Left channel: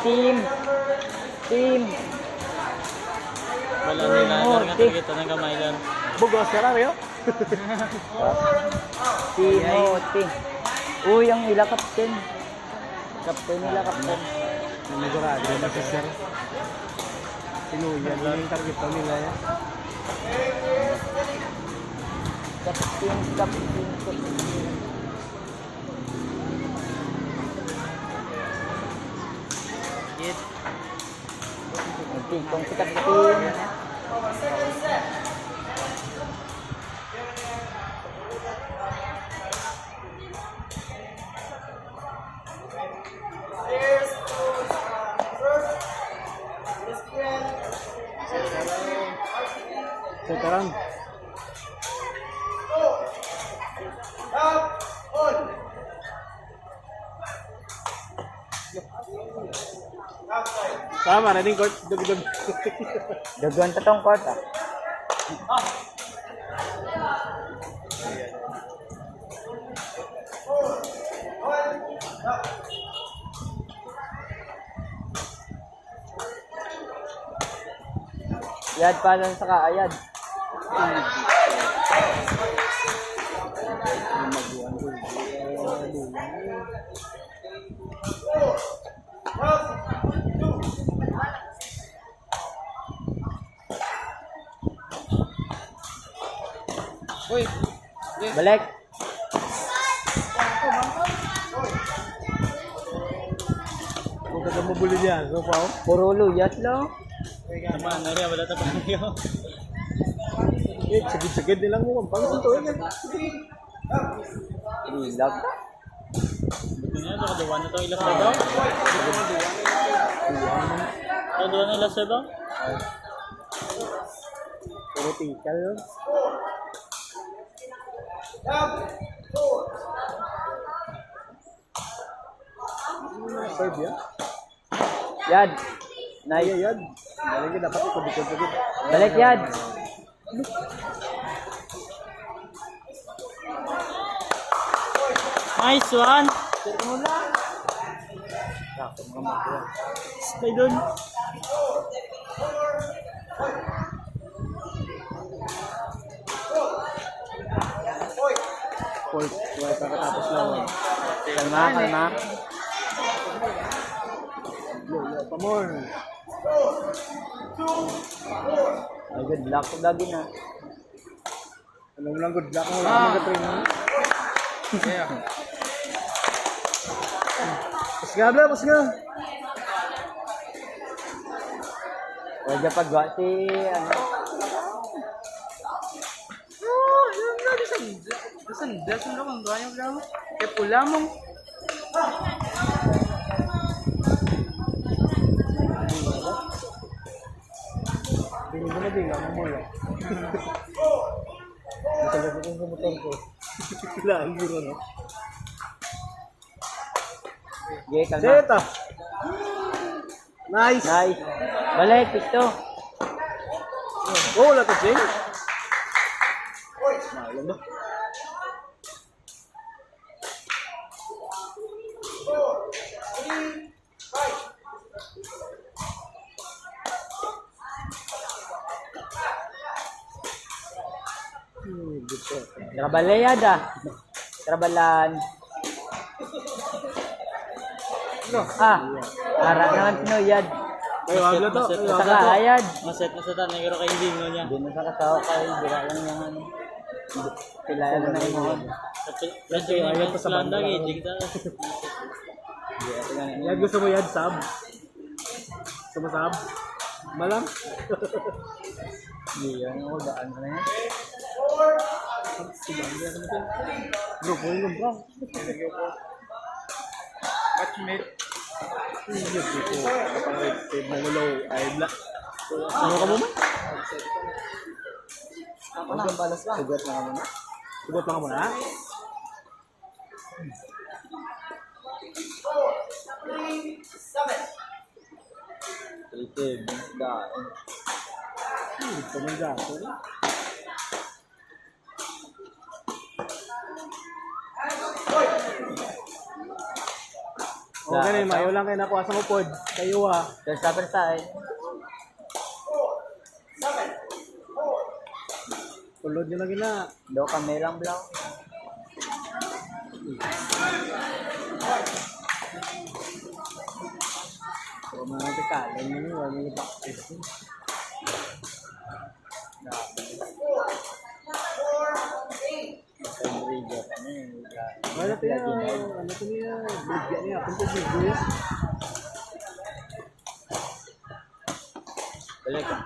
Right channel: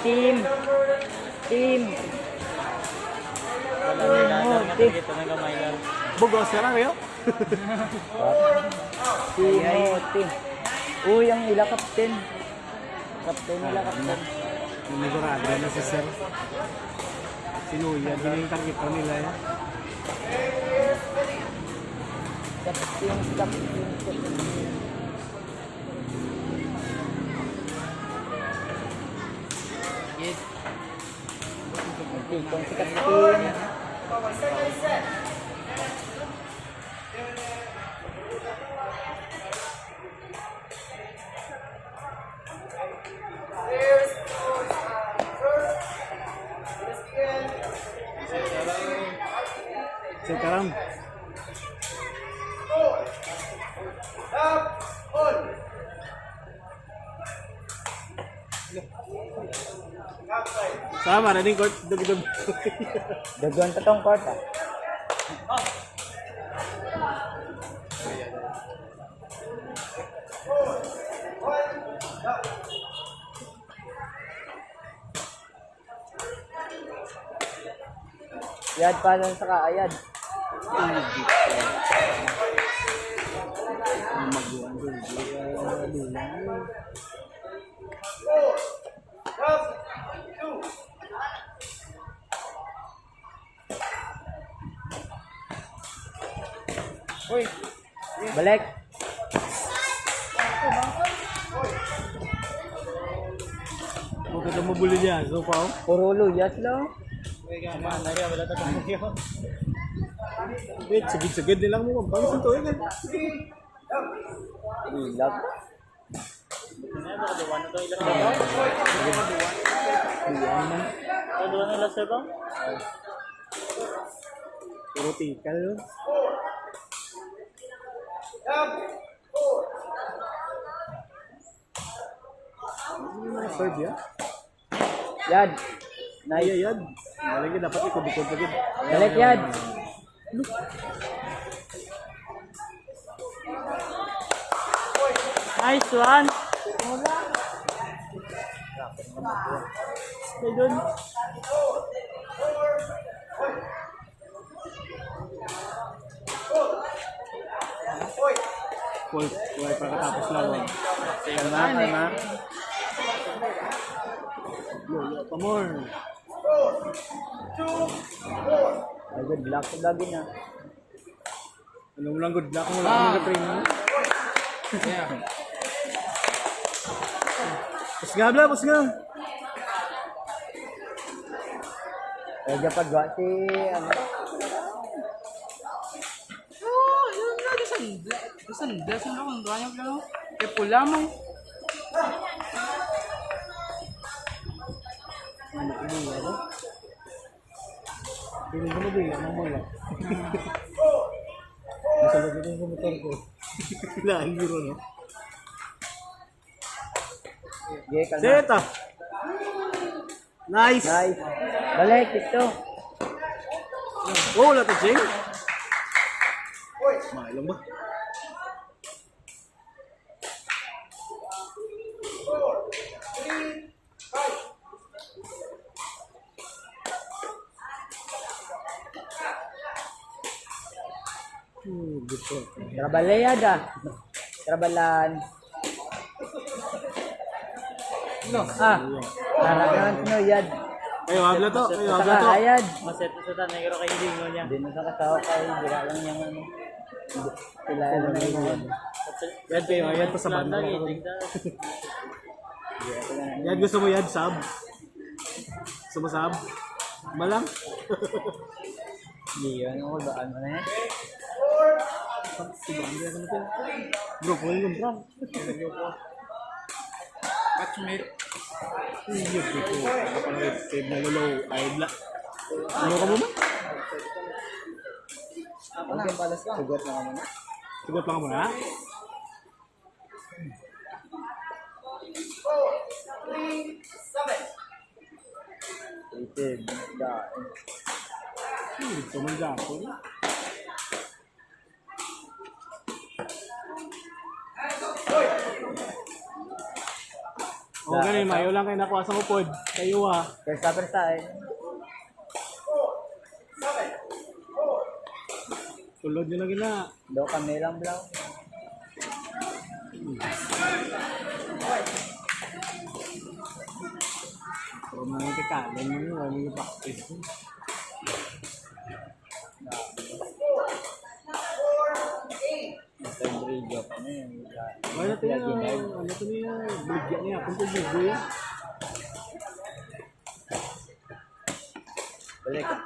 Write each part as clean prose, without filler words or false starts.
Team. Bugos na lang yun. Timothy. Uy, ang ila kapten. Kapten nila, kapten. Nagurado na si Sir. Sinuyan, yun yung target pa nila yan. Kapten. Nagtitong si kapten. Sekarang sama na din court dugdug. Daguan ta tong court ah. Yad pa lang sa kaayad. Uy, Balik. huwag ka mabuli dyan. So pa. Puro luyas lang. Eh, sagid-sagid nilang mo. Pang santo yun. Ilag ka. Puro tikal yun. Side yan. Yad. Nice. Nice. Yan. Malagi dapat ikot-ikot sagid. Balik yad. Nice one. Stay doon. Wala pa katapos lang. Kalma. Yo, pa more. Ay, good luck ko lagi na. Anong lang good luck mo lang mag-train mo? Pas nga. O, dyan pagwa si, ano, Sandal kung lang ganyan lang. Kaya pula mo. Bili ko na din, ano mo lang. Nasalag ko yung motor ko. Kailangan biro, no? Jay, kalma. Zeta! Nice! Nice. Balik, pisto. Oh, wala ka, Jing? Maalam ba? Good po. Trabalayad ah. Trabalan. Nara naman pinuyad. Kayo, habla to. Sa kaayad. Maset na sa tan, nagiro kay hindi mo niya. Hindi na sa kasawa kay bira lang yung ano. Pilaya na ng mga. Yan kayo, ayan ka sa banda. Yan gusto mo yan, sab. Gusto mo sab? Malang? Hindi yun. Ano ba? Ano na yan? Bro, kung yung bro. Catchmate. Iyo dito. Kapag save na low, ay bla. Ano ka muna? Ako na, balas lang. Sugat na ka muna. Sugat lang ka muna. Itim. Daan. Hindi ko man gato. O ganun, mayo lang kayo nakuha sa upod. Kayo Persa eh. Tulod nyo lagi na. Do kami lang blaw. So mga tikalan mo nyo, wala nyo practice. Pembrilyo kami. Ano ito niya? Ano ito niya? Bigyan niya. Punto bigyan. Balik ka.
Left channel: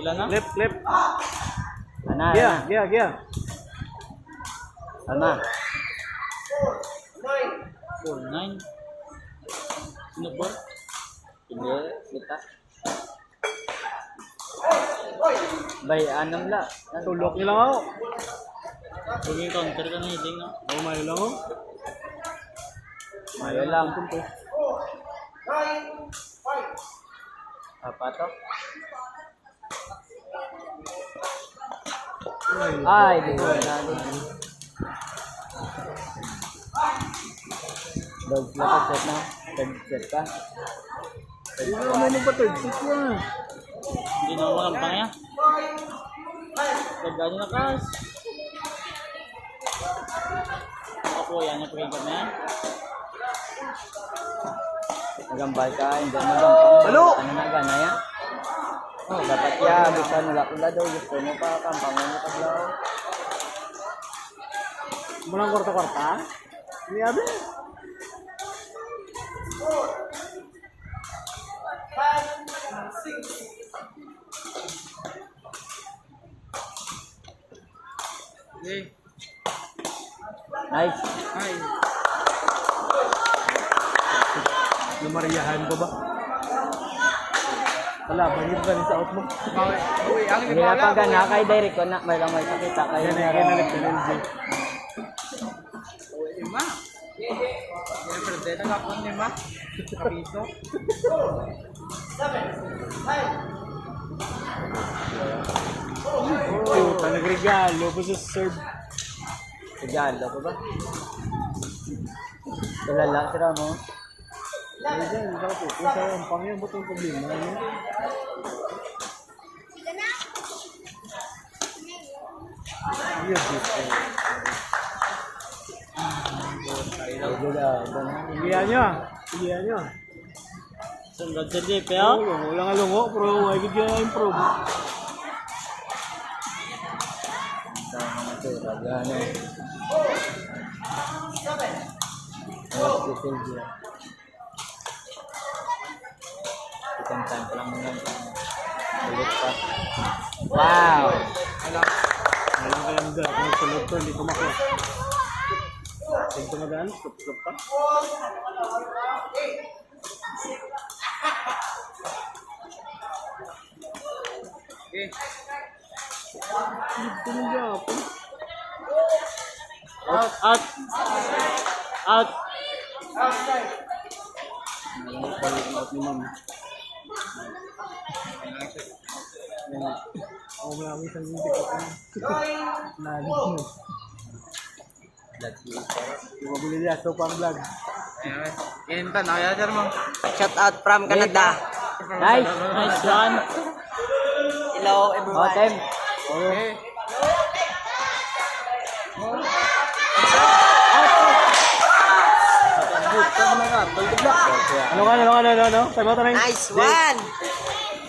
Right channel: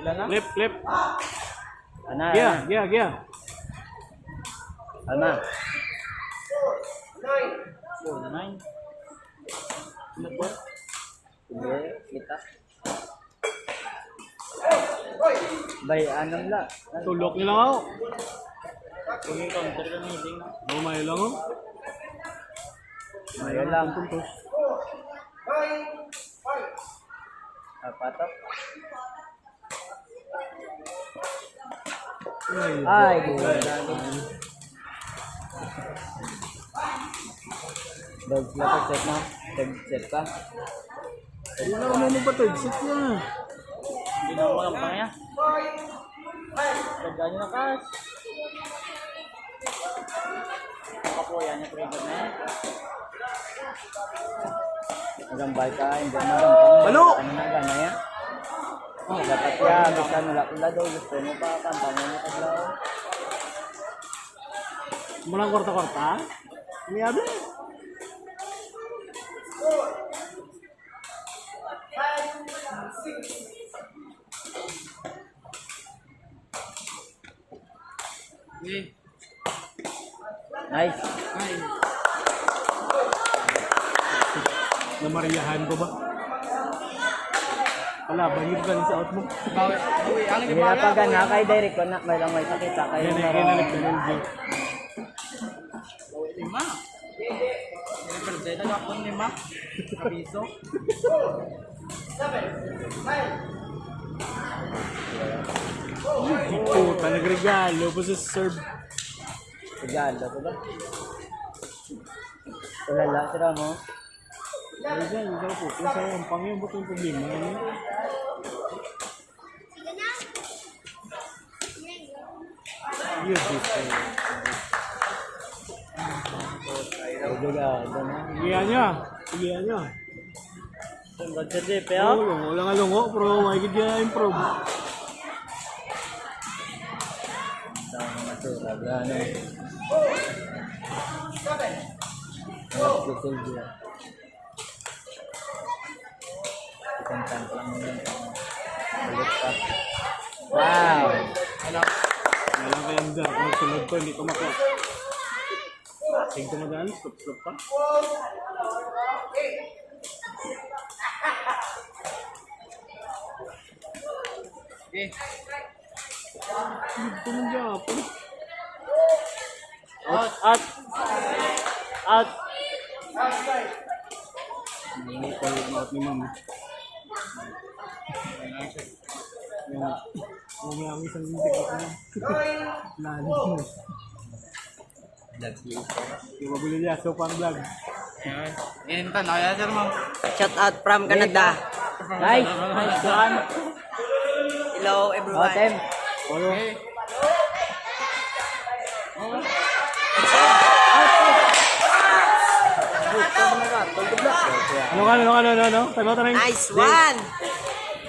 Ilan na? Flip. Ana. Yeah. Alma. 4-9. Ano po? Hindi, kita. Bay, anong la? Tulok nyo lang ako. Sige, counter ka na hiling na. Ay, mayo lang ako. Mayo lang. Apa to? Ay, buo lagi. Dogs na to set na. Set ka. Ay, ano ba third set niya? Hindi na ako ang pangya. Pagka nyo na kas. Ako yan, yung pagkakas na yan. Nagambal ka, hindi magampang. Ano? Ano na gana ya? Dapat ya, bisa nulak pula daw. Gusto mo pa, kampang mo ka daw. Mulang korta-korta? Ini ada? Okay. Nice. Ay. Namariyahan ko ba? Wala, bahir ka sa out mo. Uy, ang Hindi na pa gana kay Derek ko na may lang may sakita kayo. Yan ay kinalag ko ng G. lima. Pwede na ako lima. Kapiso. Ito, talagang pa sa serve. Regalo ko ba? Tulala sila mo. Ay, dyan, ikaw po. Kung sa ang pangyan, ba't yung problema? Ano? Yes, yes. Regalo na. Igihan nyo. Sunod sa jeep, Oo, wala nga lungo, pero may gigya improve. Sa mga tura, gano. Si Silvia. Isang time pa lang muna. Ulit pa. Wow! Alam ka lang dyan, kung sunod ko, hindi ko makot. Tingko na daan, stop pa. Okay. Dito na dyan ako. Out. Ano tayo out ni mami? Ako nga ang isang hindi ko pa. Nalo mo. Yung mabili niya, so pang vlog. Ayan. Intan, kaya sir mo. Shout out from Canada. Nice! Nice one. Hello everyone. Otem! Okay. Ano? Tama tayo. Nice one.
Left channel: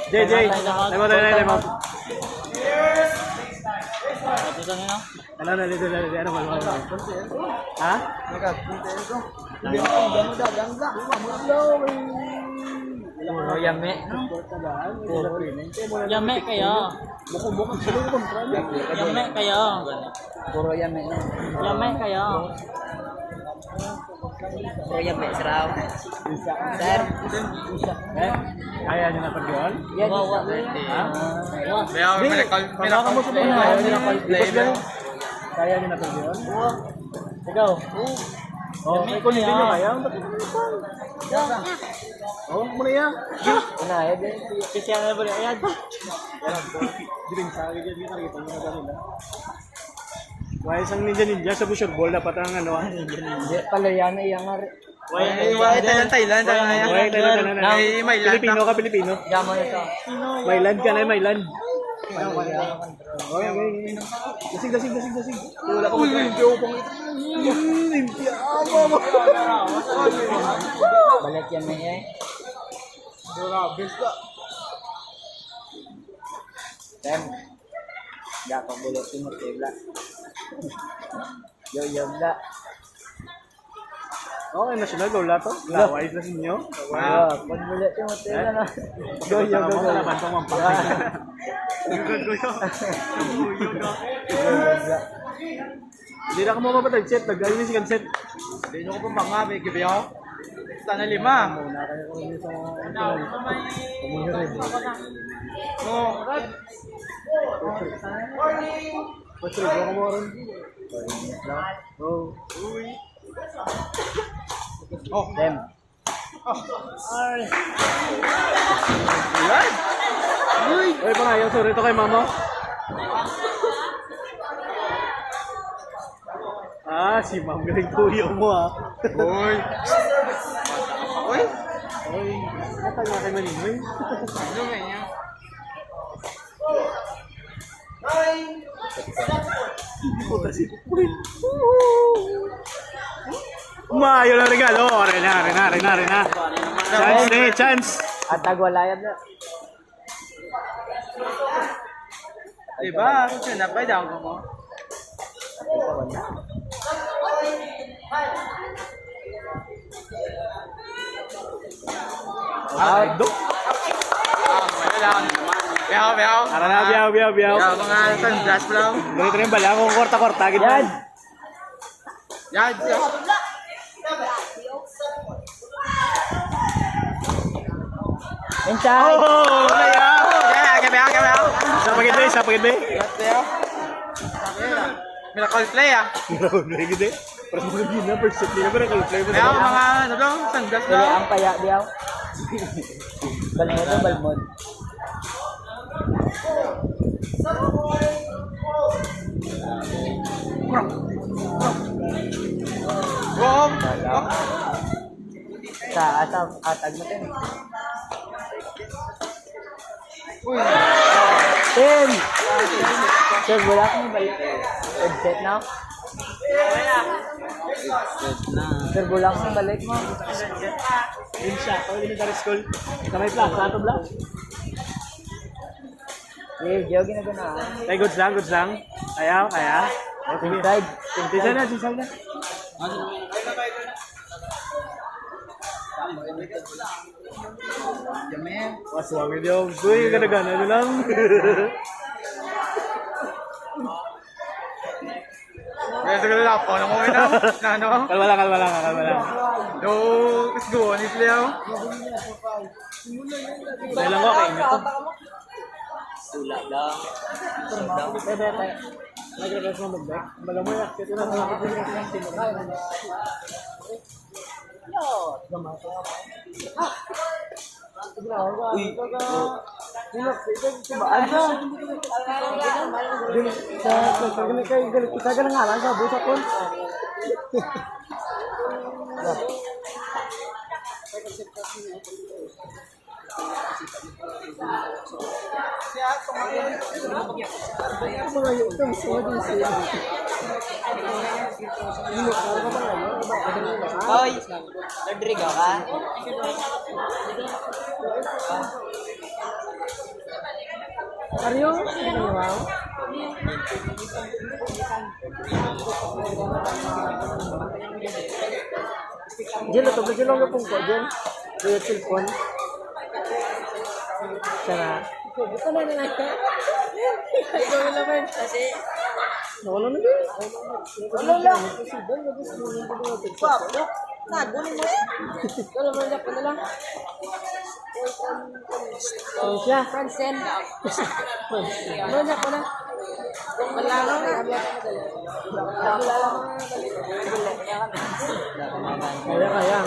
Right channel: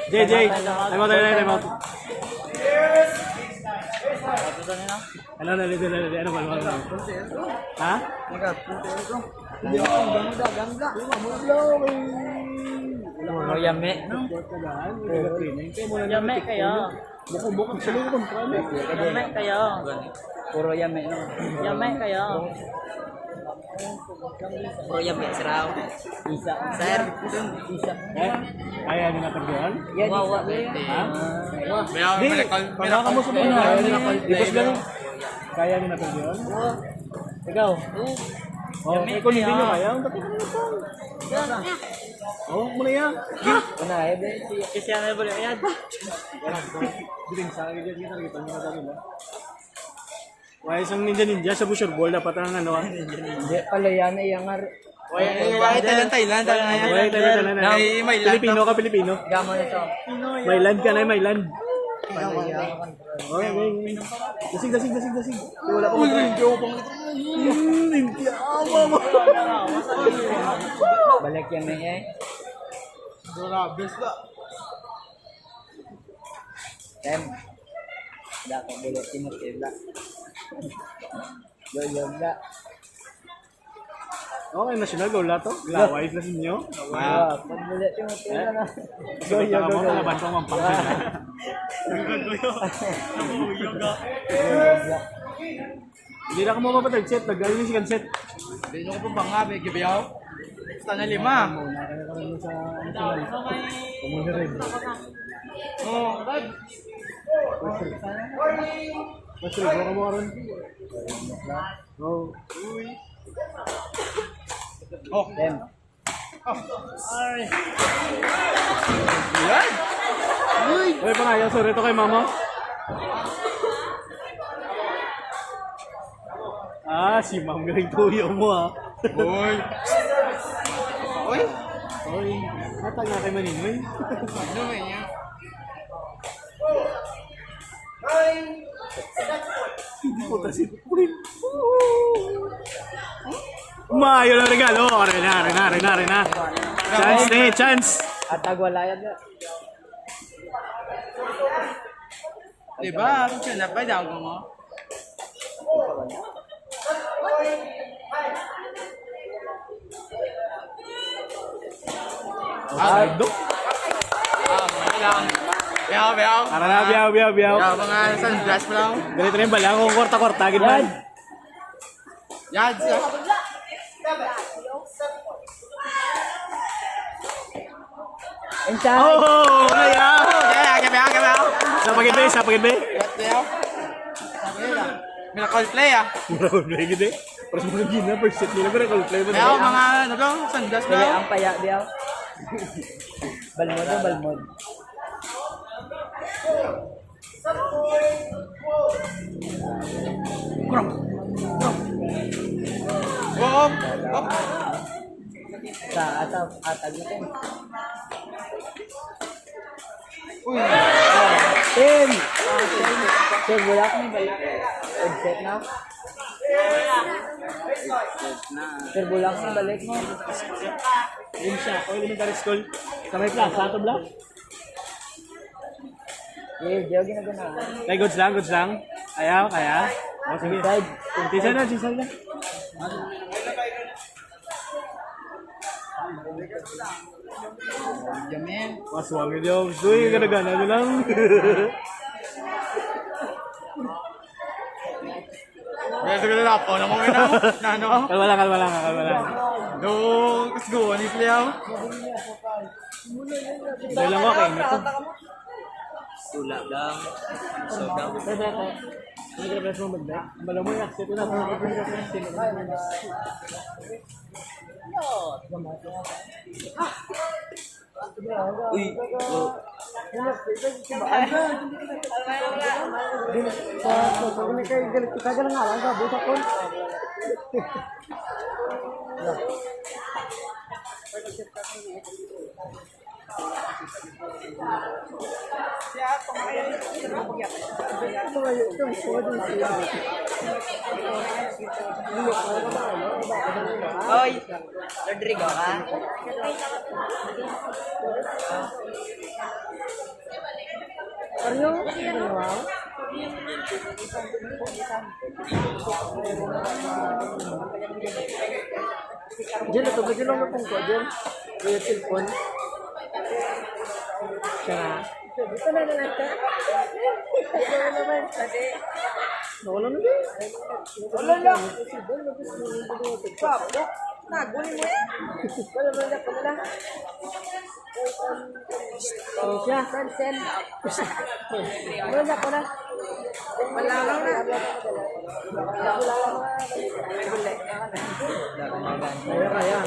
JJ, tama tayo. Ito na na. Ano ba? Ha? Puro yame. Yame kayo. Buko sa loob Yame kayo. Puro yame. Yame kayo. Bro, yan ba? Saraw. Isa. Sir. Kaya nyo na pagdiyan? Yan, Wow, isa. Pagkaka mo sa mga kaya nyo na pagdiyan? Ikaw? Yame Kung hindi nyo kayo. kaya, ba't ito na mo na yan. Una, ede. Kasi yan na bali. Ayan. Diring sa akin dyan, kita mo na ganun. Wala isang ninja sa Bushor Ball, dapat ang ano. Hindi pala yan ay ang Thailand. May Pilipino ka, Pilipino. gama na to. Mailand ka na, Mailand. Okay. Dasig. Wala ka Balik yan eh. Yan. Dapat bulot Timothy Bla. Yo Bla. Okay, national goal na to. Lawais na sinyo. Wow, pagbulit Timothy Bla na. Go. Bla. Hindi na ako mamapatag set. Nag-alin si Kanset. Hindi nyo ko pa nga, may gibiyaw. Basta na 5. Pumunta rin. Mas rin, wala ka mo rin. Dem. Uy, pangayaw. Sorry ito kay mama. Si Mang galing tuyo mo Uy! Uy, natanga kay Manimoy. Ano nga yun? Hindi ko kasi pupulit. Maayo na regalo. Rena. Chance. At tagwalayad na. Diba? Kung siya napay daw mo. Out. Biyaw. Ara na, biyaw. Biyaw ka nga sa sunglass mo lang. Ganito rin bala. Kung korta-korta. Yan. Yan. Inside. Oh, kaya. Biyaw. Sa pagid ba? Miracle play ah. May gede. Para sa mga gina, first set nila. Miracle play mo. Biyaw mga ano lang, sunglass Dili lang. ang paya diyaw. Balmod. Oo. Sa atag natin. Uy. Tim! Sir, wala kami balik. Headset na. Sir, wala kami balik mo. Yun siya. Kung elementary school. Sa may plaza. Ato bla. Diyaw ginagana. Ay, goods lang. Ayaw. Sige. Inside. Sisa na. Yamin. Maswag yun. Uy, gana nyo lang. Kaya sa kalala po, nang okay na ano? Kalma lang. No, let's go. Ano yung play ah? Dahil lang ko, kain ito. Tulak lang. Sobrang. Nag-repress mo mag-back. Bala mo, set na po. Uy. Hoy, Rodrigo ka? Diyan, ito. Medyo lang na pong ko. Diyan. Kaya telepon. Sana. Ito na lang. Ito na naman. Kasi. Wala na din. Wala lang. Papo. Naguli mo. Wala na. Oh, siya. Fransen. Wala na. Wala na. Kaya.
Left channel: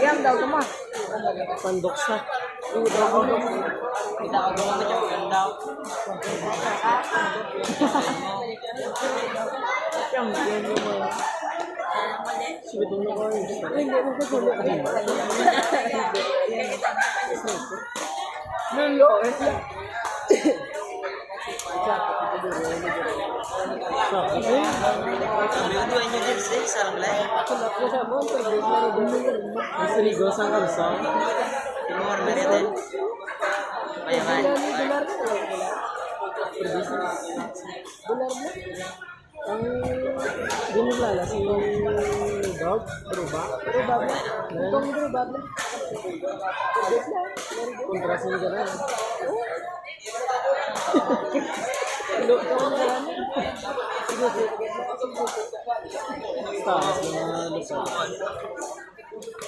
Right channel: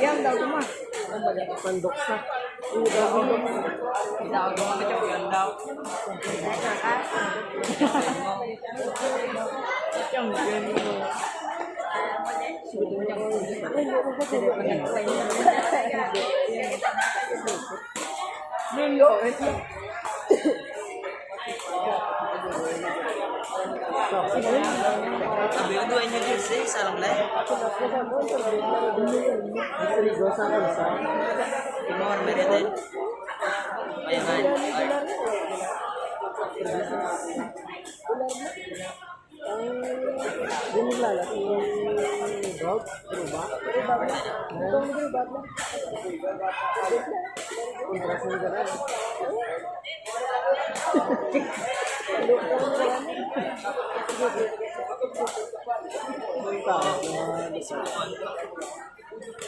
Iyam daw ito ma. Pandoks na. Kita ako ang kacau ganda. Champion mo mo. Lulo. Sabi ko doon yung jersey, sarang live. Rigo sa kursa. Timur na rin. Ayan man. Dinilala si Dog, berubah. Kontra sa negara. Taas na mga lusa.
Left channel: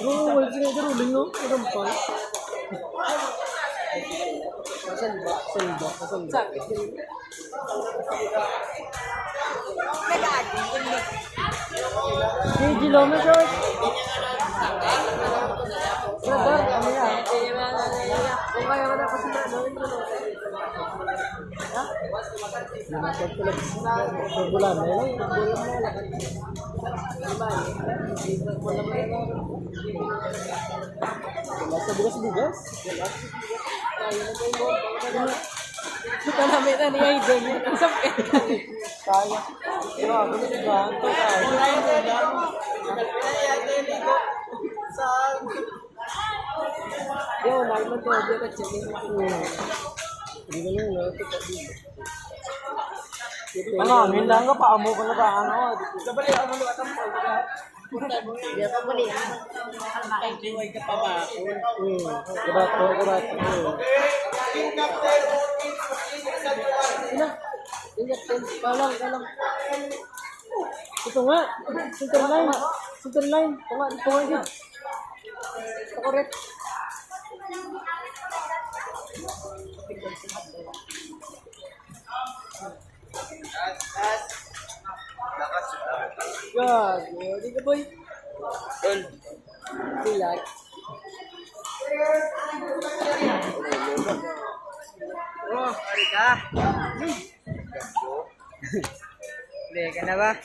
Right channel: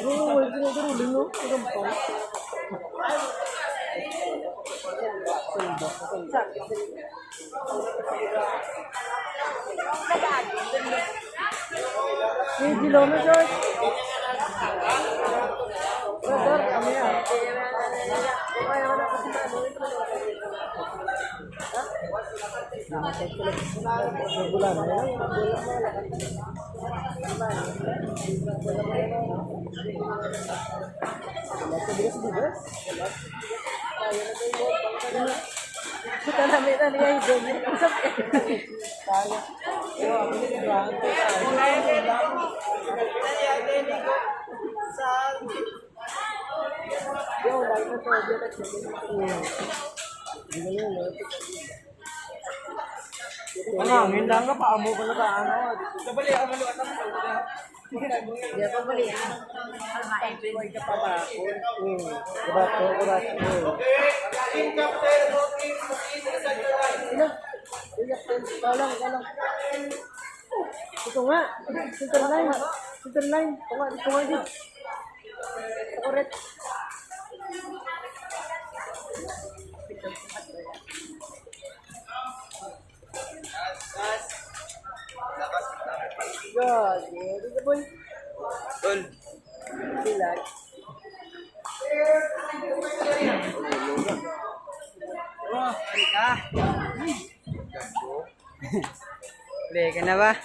Wala sila ruling no? Ilang pa? Salba. Kilometers. Kami ah. Bulan na lang. Lasa bugas-bugas. Kita namin na niya yung demo. Ang sakit. Kaya. Pero ako nito ba? Ito kaya. Yo, naman to. Diyo ka chicken. Hindi na yun. Ang hangin lang ka, paamo ko na ano. Sabali, ano luwat ang Diyo pa balik. Kurato. Kalang. Ito nga. Center line. Ito nga din. Correct. God, ready ka boy? Tol. Relax. Oh, hari ka. Play ka na ba?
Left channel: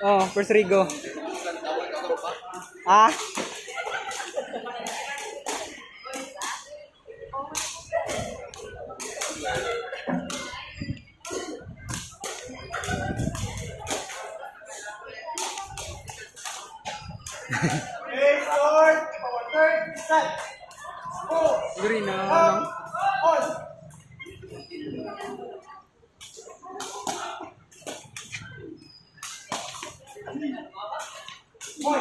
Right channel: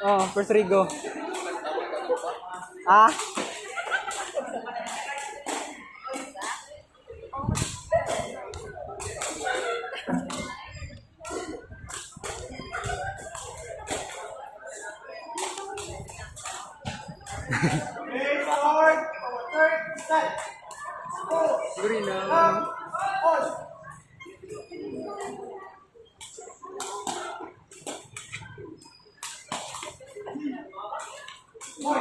Oh, first Rigo. Ah? Green na. Boy,